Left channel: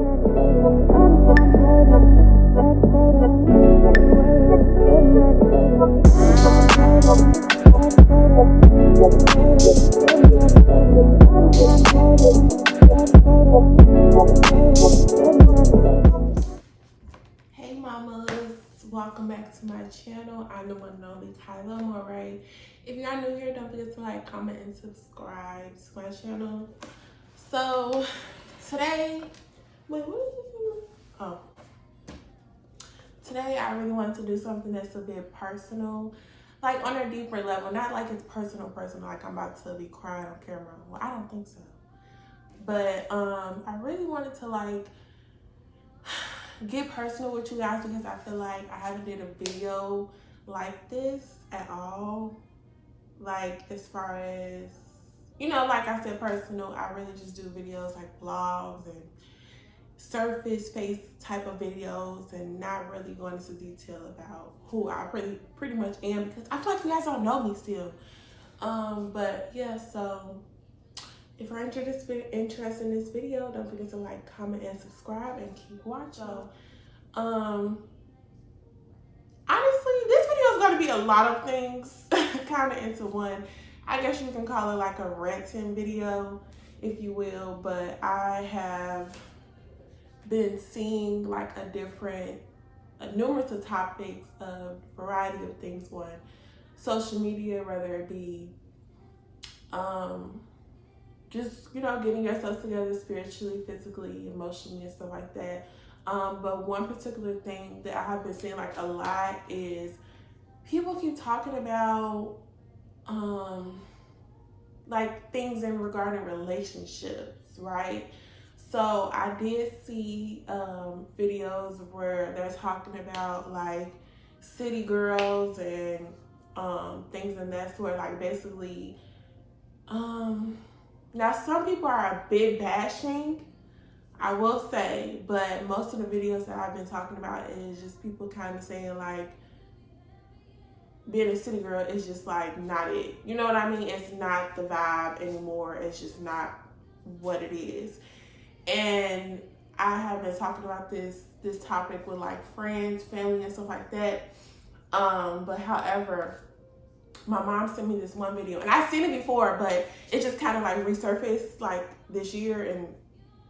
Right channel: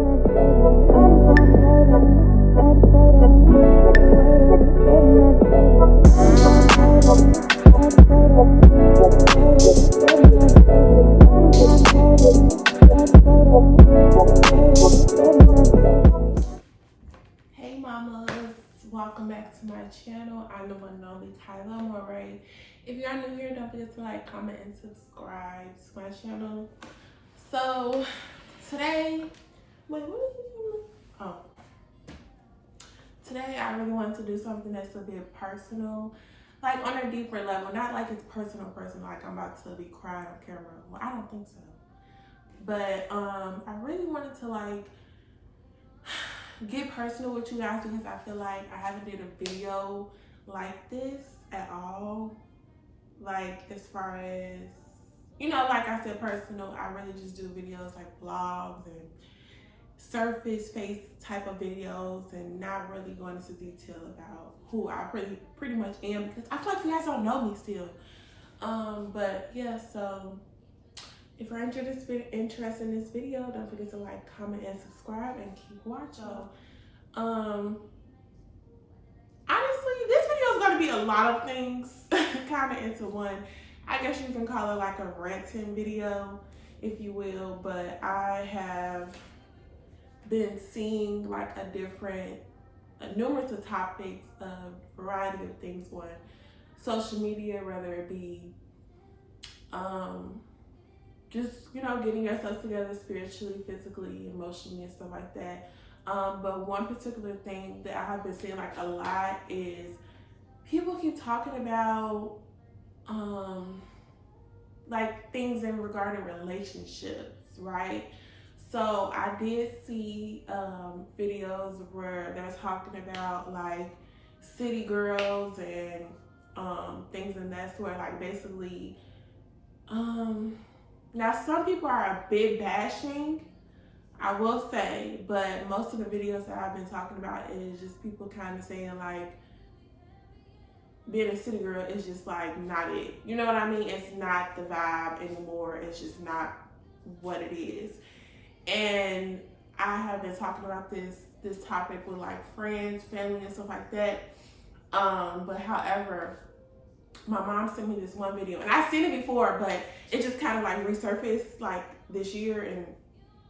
Hey mamas, welcome back to my channel. I'm the one and only Khyla Amorè. If you're new here, don't forget to like, comment, and subscribe to my channel. So today, today I really wanted to do something that's a bit personal, like on a deeper level. Not like it's personal, like I'm about to be crying on camera. Well, I don't think so. But I really wanted to like get personal with you guys because I feel like I haven't did a video like this at all. Like as far as, you know, like I said, personal, I really just do videos like vlogs and surface face type of videos and not really going into detail about who I pretty much am because I feel like you guys don't know me still. But yeah, so if you're interested in this video, don't forget to like, comment, and subscribe and keep watching. Honestly, this video is going to be a lot of things kind of into one. I guess you can call it like a ranting video, if you will, but I have been seeing like numerous of topics, a variety of things on social media, whether it be just, you know, getting yourself together spiritually, physically, emotionally, and stuff like that. But one particular thing that I have been seeing like a lot is people keep talking about like things in regarding relationships, right? So I did see videos where they're talking about like city girls and things in that sort, like basically now some people are a bit bashing, I will say, but most of the videos that I've been talking about is just people kind of saying like being a city girl is just like not it. You know what I mean? It's not the vibe anymore. It's just not what it is. And I have been talking about this topic with like friends, family, and stuff like that. But however, my mom sent me this one video, and I've seen it before, but it just kind of like resurfaced like this year and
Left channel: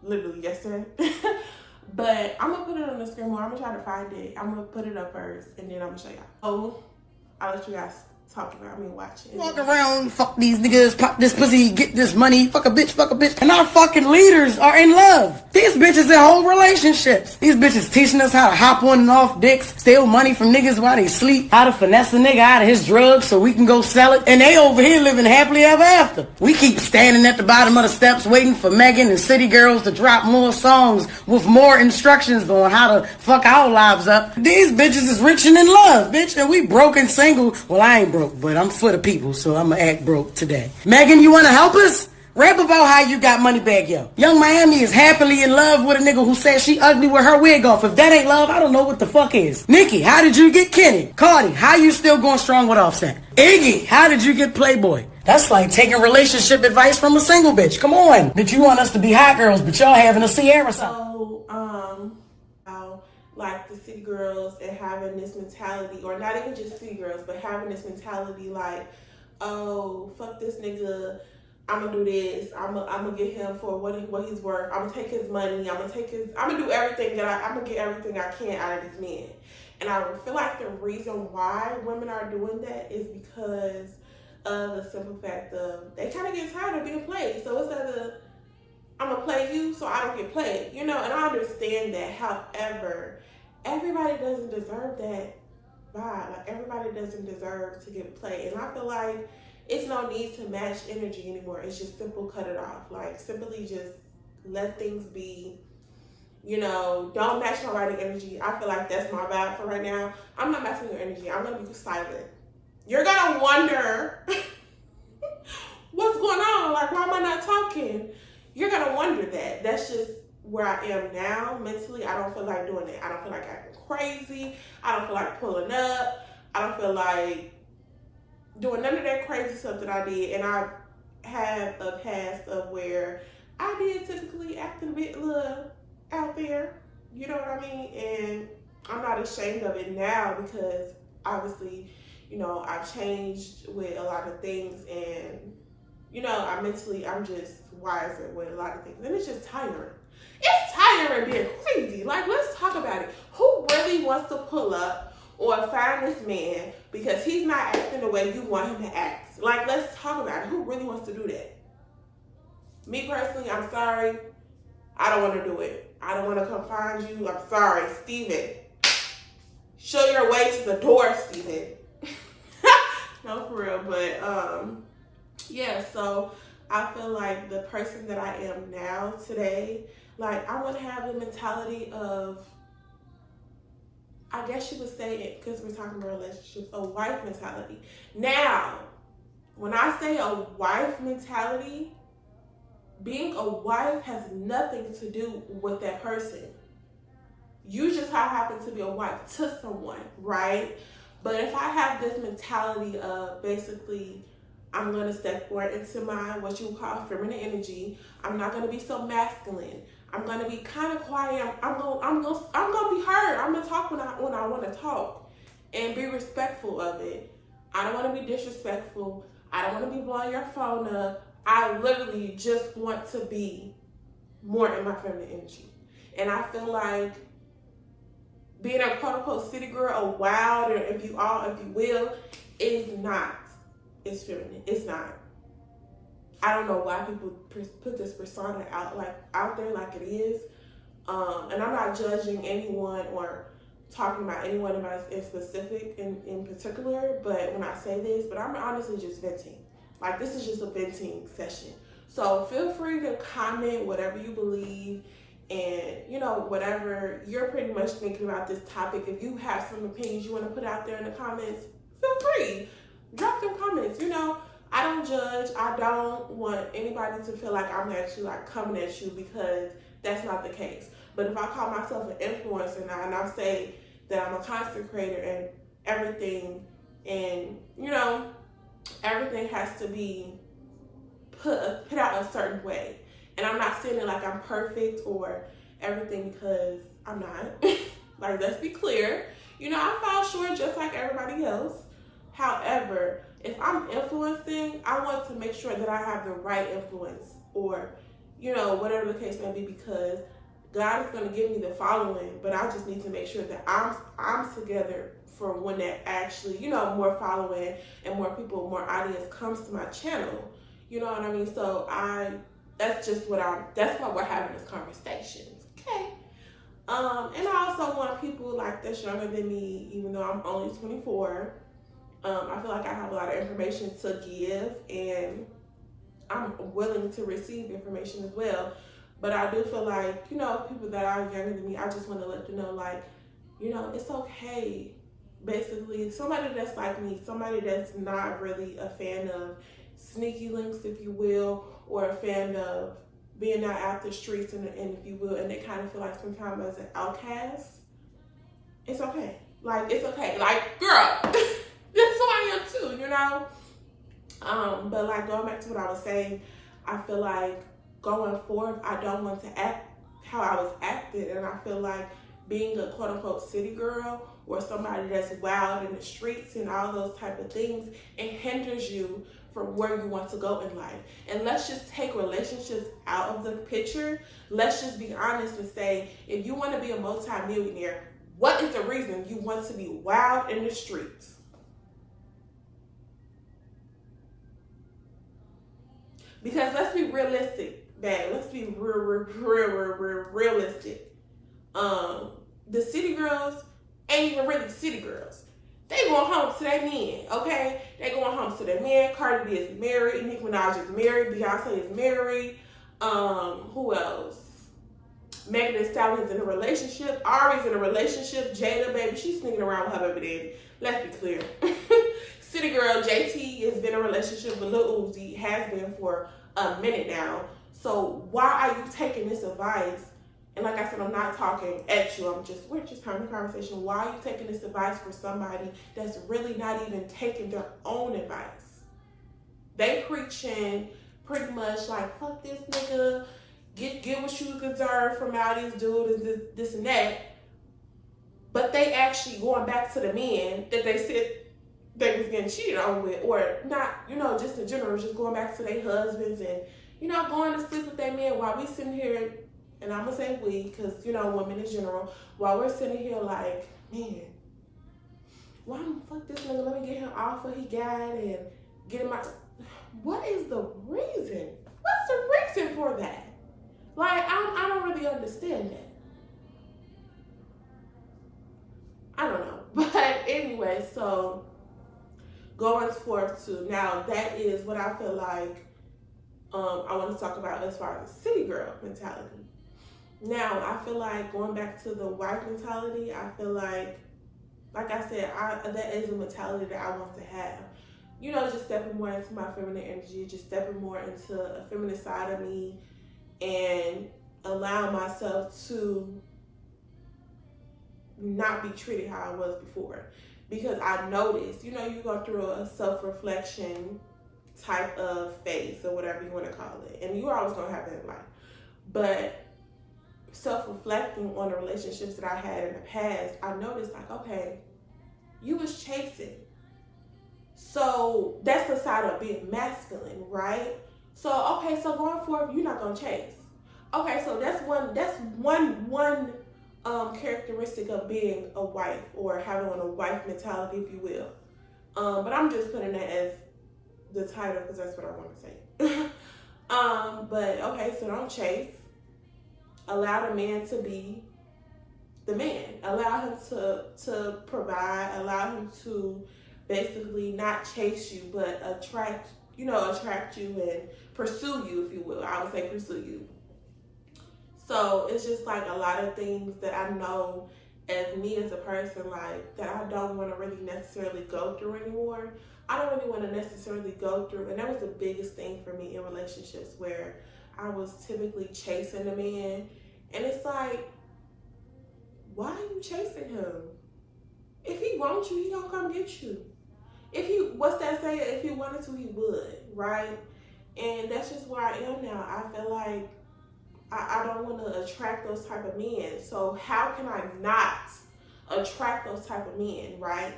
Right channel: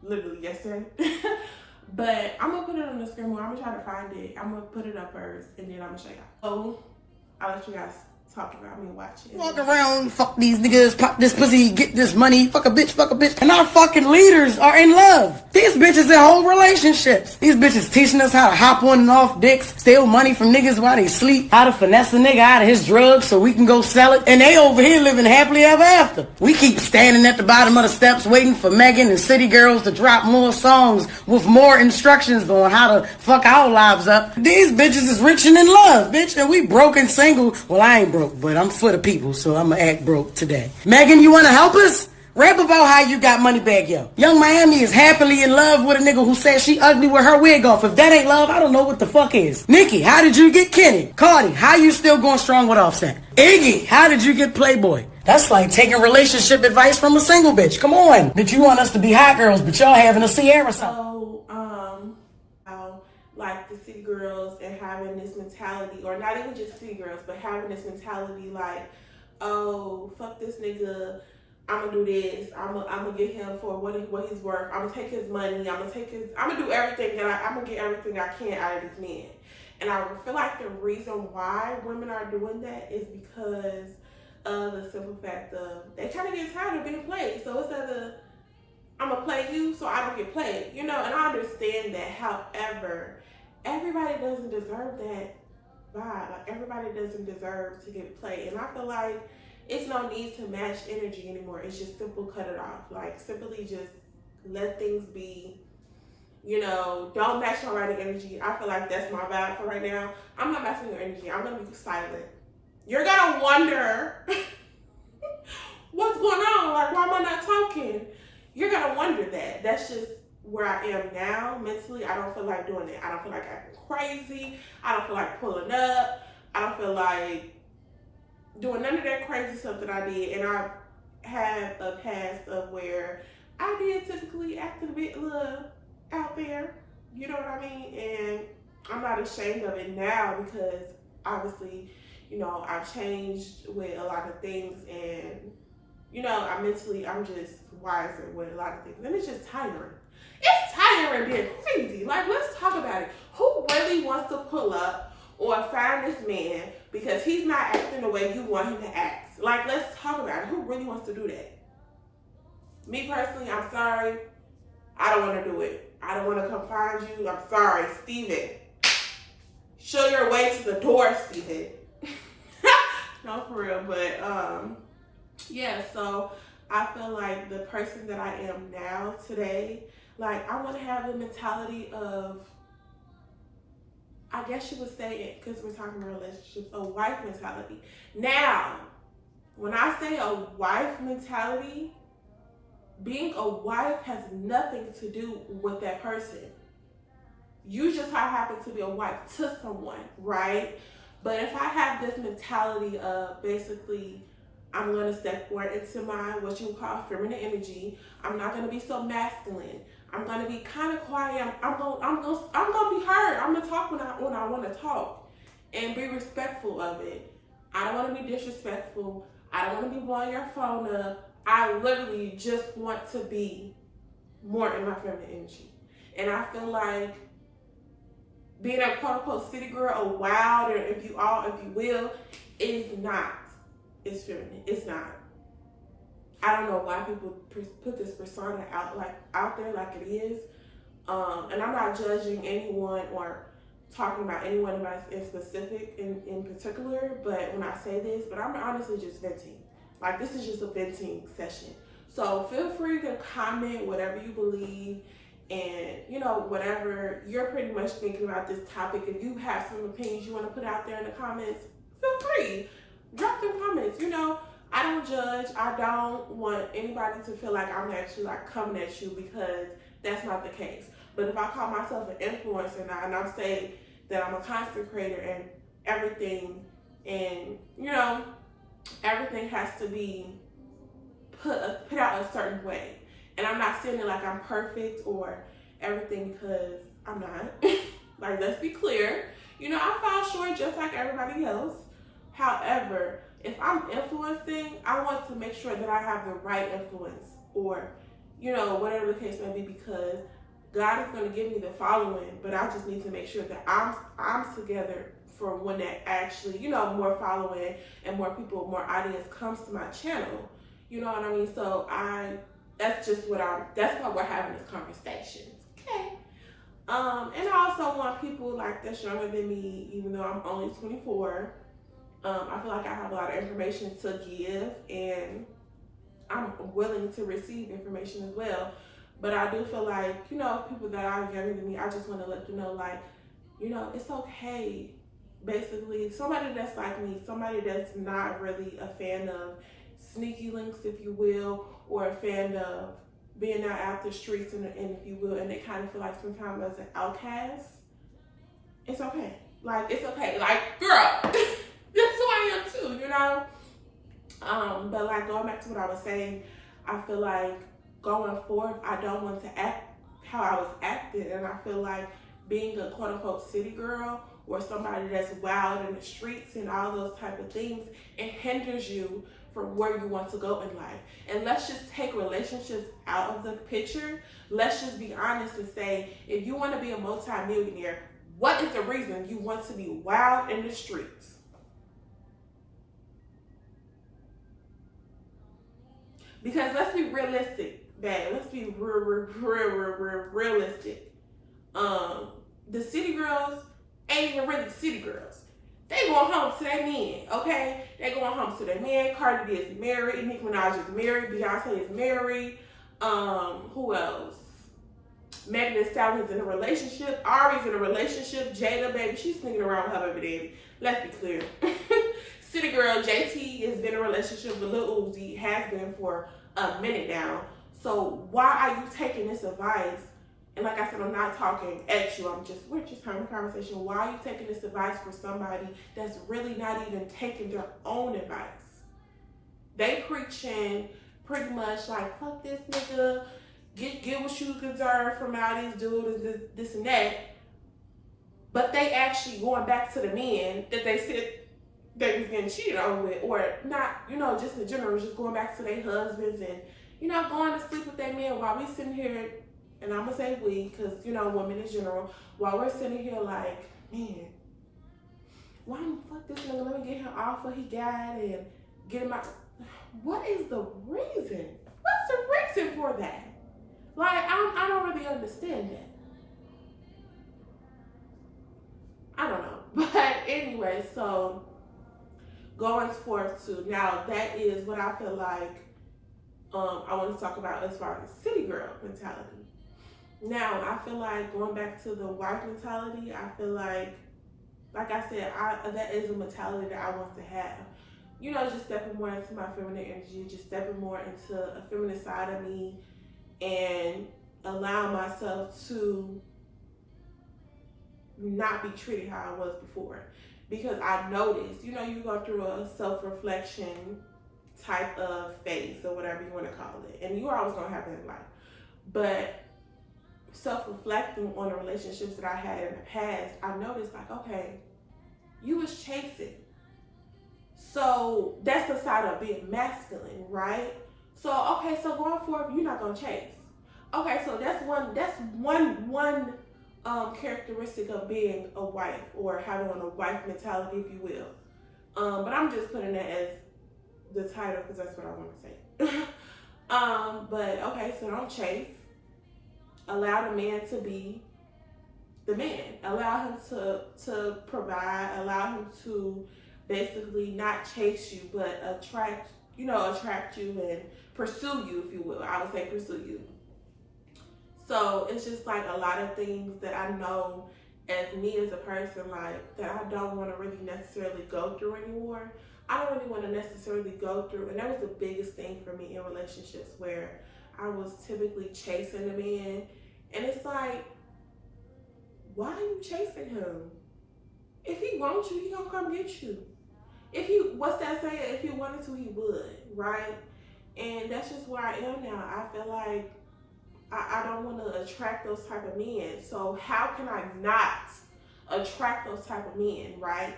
literally yesterday. But I'm gonna put it on the screen more. I'm gonna try to find it. I'm gonna put it up first, and then I'm gonna show y'all. So I'll let you guys talk about me watching. Walk around, fuck these niggas, pop this pussy, get this money, fuck a bitch. And our fucking leaders are in love. These bitches in whole relationships. These bitches teaching us how to hop on and off dicks, steal money from niggas while they sleep, how to finesse a nigga out of his drugs so we can go sell it. And they over here living happily ever after. We keep standing at the bottom of the steps waiting for Megan and City Girls to drop more songs with more instructions on how to fuck our lives up. These bitches is rich and in love, bitch, and we broke and single. Well, I ain't broke, but I'm for the people, so I'ma act broke today. Megan, you wanna help us? Rap about how you got money back, yo. Young Miami is happily in love with a nigga who said she ugly with her wig off. If that ain't love, I don't know what the fuck is. Nikki, how did you get Kenny? Cardi, how you still going strong with Offset? Iggy, how did you get Playboy? That's like taking relationship advice from a single bitch. Come on. Bitch, you want us to be hot girls, but y'all having a Sierra song. So, like the city girls and having this mentality, or not even just city girls, but having this mentality like, oh, fuck this nigga, I'm gonna do this, I'm gonna get him for what he's worth, I'm gonna take his money, I'm gonna do everything I'm gonna get everything I can out of this man. And I feel like the reason why women are doing that is because of the simple fact of they kind of get tired of being played. So instead of I'm gonna play you so I don't get played, you know, and I understand that. However, everybody doesn't deserve that vibe. Like everybody doesn't deserve to get played. And I feel like it's no need to match energy anymore. It's just simple cut it off. Like simply just let things be, you know, don't match my writing energy. I feel like that's my vibe for right now. I'm not matching your energy. I'm gonna be silent. You're gonna wonder what's going on? Like, why am I not talking? You're gonna wonder that. That's just where I am now mentally. I don't feel like doing it. I don't feel like acting crazy. I don't feel like pulling up. I don't feel like doing none of that crazy stuff that I did. And I've had a past of where I did typically act a bit little out there. You know what I mean? And I'm not ashamed of it now because obviously, you know, I've changed with a lot of things, and you know, I'm just wiser with a lot of things. And it's just tiring. It's tiring being crazy. Like, let's talk about it. Who really wants to pull up or find this man because he's not acting the way you want him to act? Like, let's talk about it. Who really wants to do that? Me personally, I'm sorry. I don't want to do it. I don't want to come find you. I'm sorry, Steven. Show your way to the door, Steven. No, for real. But, yeah, so I feel like the person that I am now today, like, I want to have the mentality of, I guess you would say it, because we're talking about relationships, a wife mentality. Now, when I say a wife mentality, being a wife has nothing to do with that person. You just happen to be a wife to someone, right? But if I have this mentality of basically, I'm going to step more into my, what you would call feminine energy. I'm not going to be so masculine. I'm going to be kind of quiet. I'm going to be heard. I'm going to talk when I want to talk and be respectful of it. I don't want to be disrespectful. I don't want to be blowing your phone up. I literally just want to be more in my feminine energy. And I feel like being a quote unquote city girl, a wild, or if you will, is not. It's feminine. It's not. I don't know why people put this persona out there like it is. And I'm not judging anyone or talking about anyone in specific in particular. But when I say this, but I'm honestly just venting. Like, this is just a venting session. So feel free to comment whatever you believe, and you know, whatever you're pretty much thinking about this topic. If you have some opinions you want to put out there in the comments, feel free. Drop them comments. You know, I don't judge. I don't want anybody to feel like I'm actually like coming at you, because that's not the case. But if I call myself an influencer and I'm saying that I'm a content creator and everything, and you know, everything has to be put out a certain way. And I'm not saying it like I'm perfect or everything, because I'm not. Like, let's be clear. You know, I fall short just like everybody else. However, if I'm influencing, I want to make sure that I have the right influence, or, you know, whatever the case may be, because God is going to give me the following, but I just need to make sure that I'm together for when that actually, you know, more following and more people, more audience comes to my channel. You know what I mean? So that's why we're having this conversation. Okay. And I also want people like that's younger than me, even though I'm only 24. I feel like I have a lot of information to give, and I'm willing to receive information as well. But I do feel like, you know, people that are younger than me, I just want to let them know, like, you know, it's okay. Basically, somebody that's like me, somebody that's not really a fan of sneaky links, if you will, or a fan of being out the streets, and if you will, and they kind of feel like sometimes as an outcast, it's okay. Like, it's okay. Like, girl, that's who I am too, you know? But like, going back to what I was saying, I feel like going forward, I don't want to act how I was acting, and I feel like being a quote unquote city girl or somebody that's wild in the streets and all those type of things, it hinders you from where you want to go in life. And let's just take relationships out of the picture. Let's just be honest and say, if you want to be a multi-millionaire, what is the reason you want to be wild in the streets? Because let's be realistic, man. Let's be realistic. The city girls ain't even really city girls. They going home to their men, okay? They going home to their men. Cardi B is married. Nicki Minaj is married. Beyonce is married. Who else? Megan Thee Stallion is in a relationship. Ari's in a relationship. Jada, baby, she's sneaking around with her baby daddy. Let's be clear. City girl JT has been in a relationship with Lil Uzi. Has been for a minute now. So why are you taking this advice? And like I said, I'm not talking at you. We're just having a conversation. Why are you taking this advice for somebody that's really not even taking their own advice? They preaching pretty much like, fuck this nigga. get what you deserve from all these dudes, this and that. But they actually going back to the men that they said they was getting cheated on with, or not, just in general, just going back to their husbands and, going to sleep with their men while we sitting here, and I'm going to say we, because, women in general, while we're sitting here like, man, why fuck this nigga, let me get him off what he got and get him out. What is the reason? What's the reason for that? Like, I don't really understand that. I don't know. But anyway, so going forth to now, that is what I feel like I want to talk about as far as city girl mentality. Now, I feel like going back to the wife mentality, I feel like I said, that is a mentality that I want to have. Just stepping more into my feminine energy, just stepping more into a feminine side of me and allowing myself to not be treated how I was before. Because I noticed, you go through a self-reflection type of phase or whatever you want to call it. And you're always going to have that in life. But self-reflecting on the relationships that I had in the past, I noticed like, okay, you was chasing. So that's the side of being masculine, right? So, okay, so going forward, you're not going to chase. Okay, so that's one characteristic of being a wife, or having a wife mentality, if you will. But I'm just putting that as the title because that's what I want to say. But okay, so don't chase. Allow the man to be the man. Allow him to provide. Allow him to basically not chase you, but attract you and pursue you, if you will. I would say pursue you. So it's just like a lot of things that I know as me as a person, like, that I don't want to really necessarily go through anymore. I don't really want to necessarily go through, and that was the biggest thing for me in relationships, where I was typically chasing a man, and it's like, why are you chasing him? If he wants you, he gonna come get you. What's that saying? If he wanted to, he would, right? And that's just where I am now. I feel like I don't want to attract those type of men. So how can I not attract those type of men, right?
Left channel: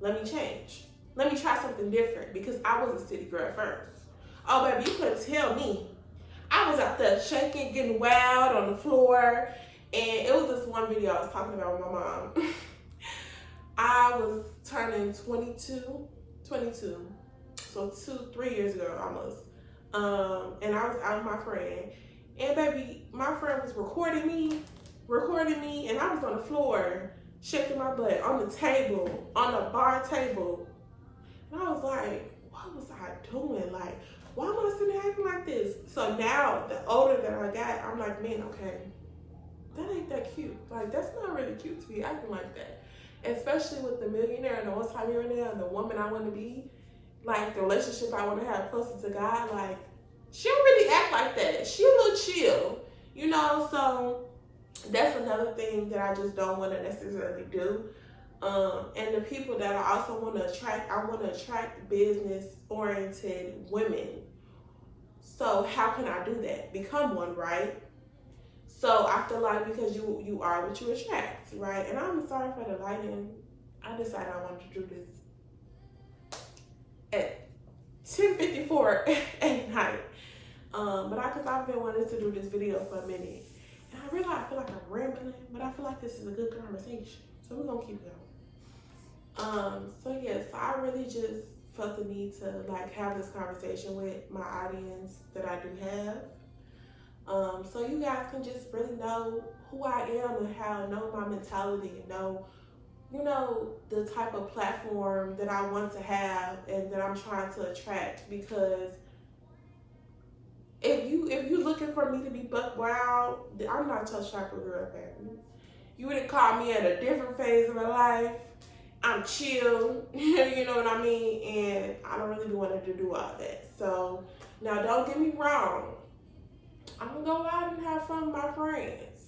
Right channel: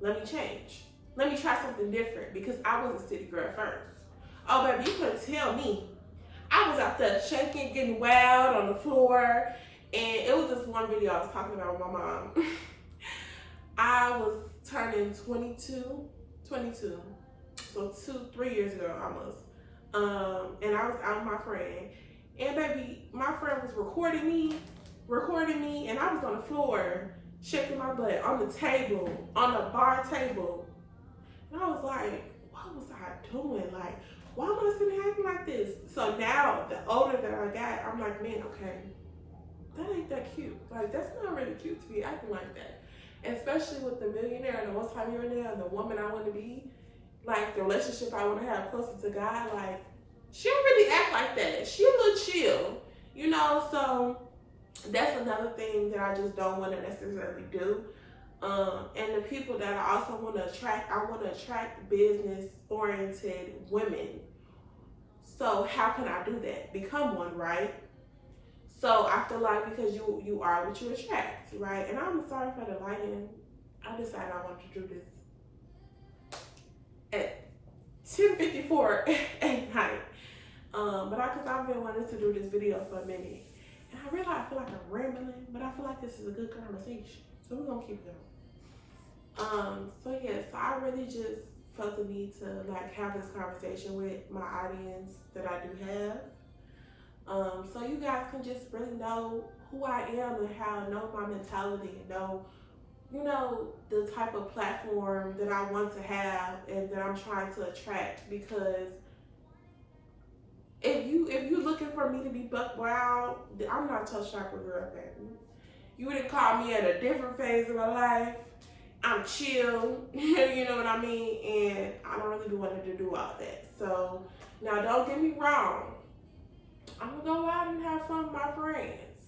Let me change. Let me try something different, because I was a city girl first. Oh, baby, you couldn't tell me. I was out there shaking, getting wild on the floor. And it was this one video I was talking about with my mom. I was turning 22, so 3 years ago almost. And I was out with my friend. And baby, my friend was recording me, and I was on the floor, shaking my butt on the table, on the bar table. And I was like, what was I doing? Like, why am I sitting acting like this? So now, the older that I got, I'm like, man, okay, that ain't that cute. Like, that's not really cute to be acting like that. Especially with the millionaire and the multi-millionaire and the woman I want to be, like, the relationship I want to have closer to God, like, she don't really act like that. She a little chill, so that's another thing that I just don't want to necessarily do. And the people that I also want to attract, I want to attract business-oriented women. So how can I do that? Become one, right? So I feel like because you are what you attract, right? And I'm sorry for the lighting. I decided I wanted to do this at 10:54 at night. Because I've been wanting to do this video for a minute. And I realize I feel like I'm rambling, but I feel like this is a good conversation. So we're going to keep going. So I really just felt the need to like have this conversation with my audience that I do have. So you guys can just really know who I am and know my mentality and know, the type of platform that I want to have and that I'm trying to attract. Because if you looking for me to be buck wild, I'm not your chakra girl, baby. You would have called me at a different phase of my life. I'm chill, you know what I mean? And I don't really want to do all that. So now don't get me wrong. I'm gonna go out and have fun with my friends.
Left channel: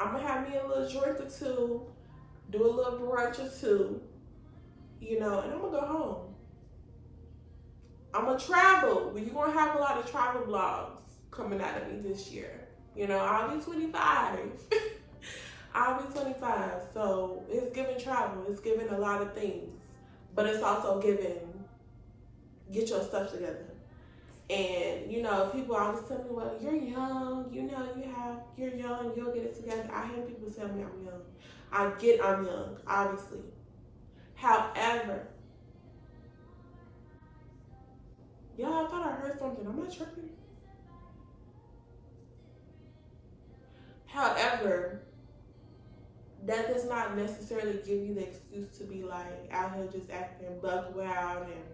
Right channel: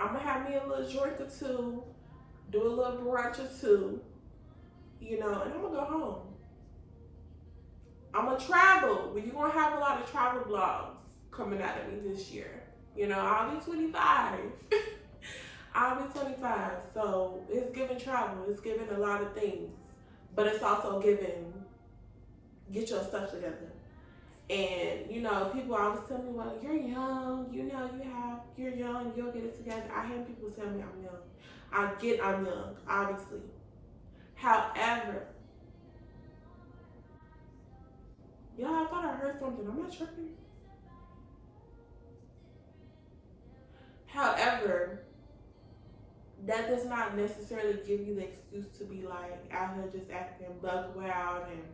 I'm gonna have me a little drink or two, do a little brunch or two, and I'm gonna go home. I'm gonna travel. You're gonna have a lot of travel vlogs coming out of me this year. You know, I'll be 25. I'll be 25. So it's giving travel. It's giving a lot of things. But it's also giving, get your stuff together. And, you know, people always tell me, well, you're young. You know, you're young. You'll get it together. I hear people tell me I'm young. I'm young, obviously. However, y'all, I thought I heard something. I'm not tripping. However, that does not necessarily give you the excuse to be like out here just acting bug wild and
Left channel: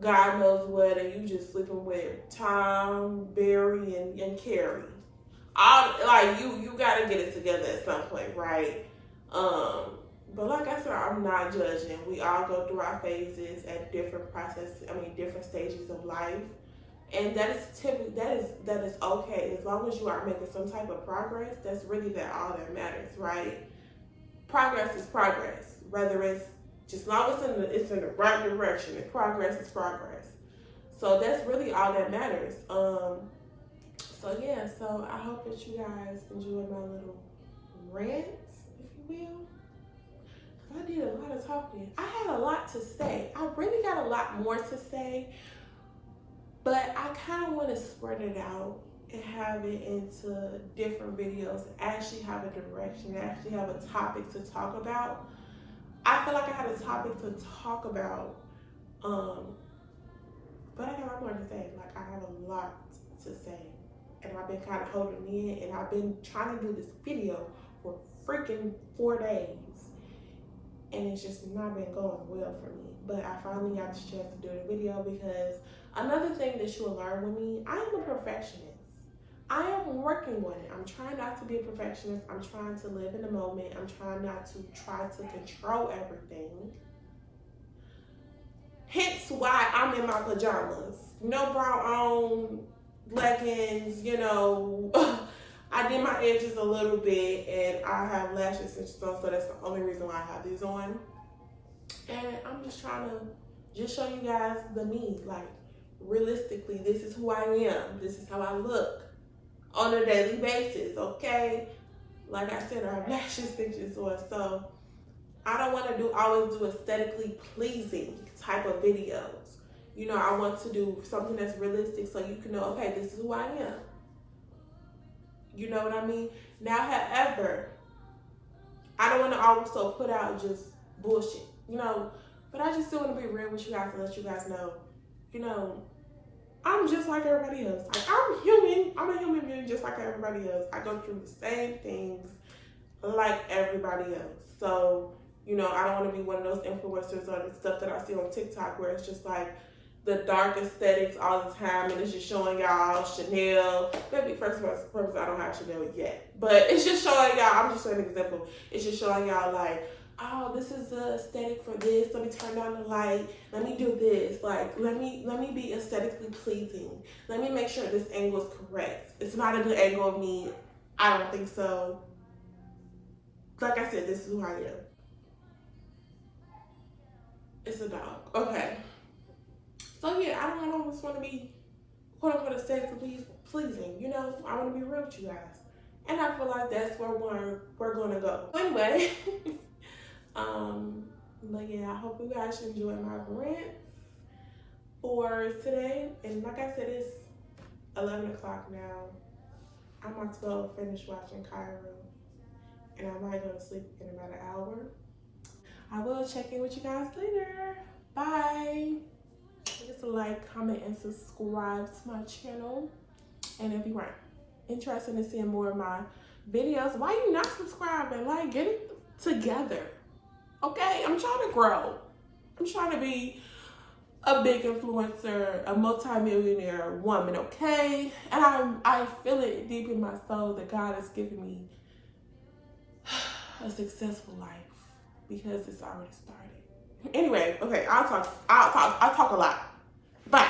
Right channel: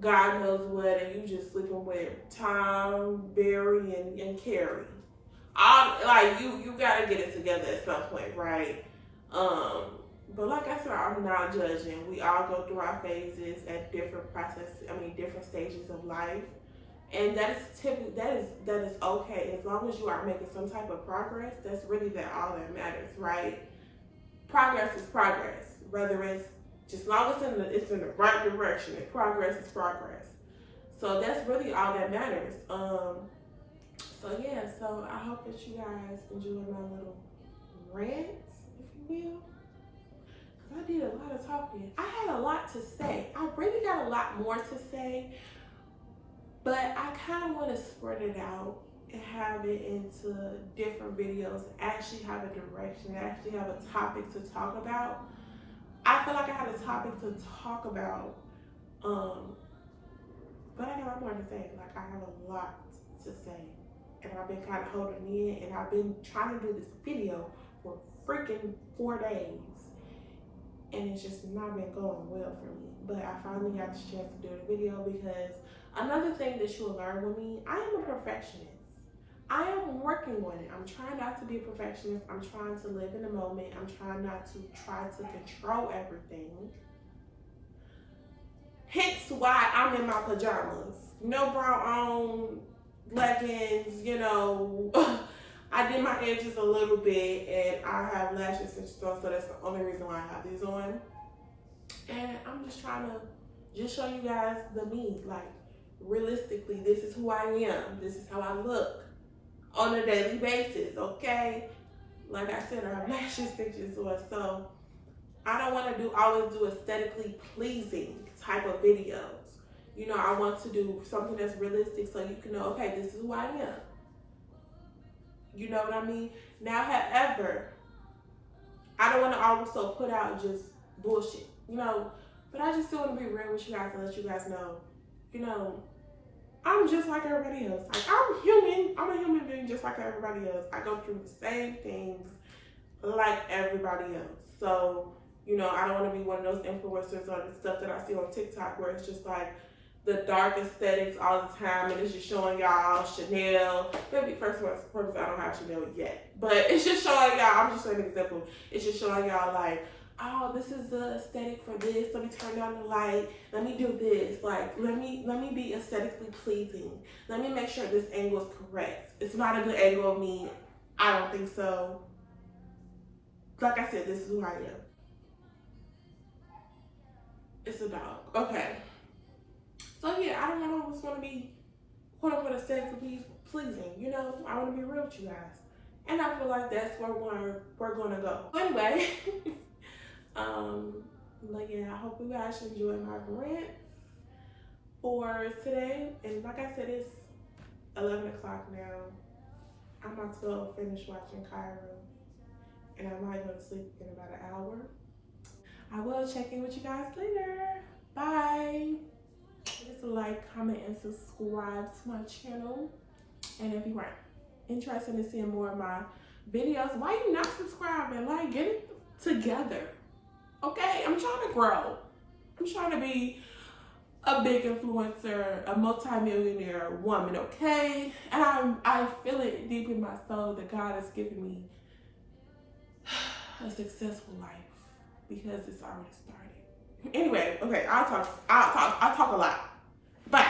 God knows what, and you just sleeping with Tom, Barry, and Carrie. Like you gotta get it together at some point, right? But like I said, I'm not judging. We all go through our phases at different different stages of life. And that is okay as long as you are making some type of progress. That's really all that matters, right? Progress is progress, whether it's just long as it's in the right direction. And progress is progress. So that's really all that matters. So yeah, so I hope that you guys enjoyed my little rant, if you will. Cause I did a lot of talking. I had a lot to say. I really got a lot more to say. But I kind of want to spread it out and have it into different videos and actually have a direction, actually have a topic to talk about. I feel like I had a topic to talk about, but I got a lot more to say. Like, I have a lot to say. And I've been kind of holding in, and I've been trying to do this video for freaking 4 days. And it's just not been going well for me. But I finally got the chance to do the video because another thing that you'll learn with me, I am a perfectionist. I am working on it. I'm trying not to be a perfectionist. I'm trying to live in the moment. I'm trying not to try to control everything. Hence why I'm in my pajamas. No bra on, leggings, you know. I did my edges a little bit and I have lash extensions on, so that's the only reason why I have these on. And I'm just trying to just show you guys the me. Like, realistically, this is who I am. This is how I look on a daily basis, okay? Like I said, I have lash extensions on, so I don't want to always do aesthetically pleasing type of videos. You know, I want to do something that's realistic so you can know, okay, this is who I am. You know what I mean? Now, however, I don't want to also put out just bullshit, you know, but I just still want to be real with you guys and let you guys know, you know, I'm just like everybody else. Like, I'm human. I'm a human being just like everybody else. I go through the same things like everybody else. So, you know, I don't want to be one of those influencers or the stuff that I see on TikTok where it's just like the dark aesthetics all the time and it's just showing y'all Chanel. Maybe first of all, I don't have Chanel yet, but it's just showing y'all, I'm just showing an example. It's just showing y'all like, oh, this is the aesthetic for this. Let me turn down the light. Let me do this. Like, let me be aesthetically pleasing. Let me make sure this angle is correct. It's not a good angle of me. I don't think so. Like I said, this is who I am. It's a dog. Okay. So yeah, I don't always want to be quote unquote aesthetically pleasing. You know, I want to be real with you guys. And I feel like that's where we're gonna go. Anyway. But yeah, I hope you guys enjoy my rant for today. And like I said, it's 11 o'clock now. I'm about to finish watching Khyla, and I might go to sleep in about an hour. I will check in with you guys later. Bye. Just like, comment, and subscribe to my channel. And if you are interested in seeing more of my videos, why you not subscribing? Like, get it together. Okay, I'm trying to grow. I'm trying to be a big influencer, a multi-millionaire woman, okay? And I feel it deep in my soul that God has given me a successful life because it's already started. Anyway, okay, I'll talk a lot. Bye.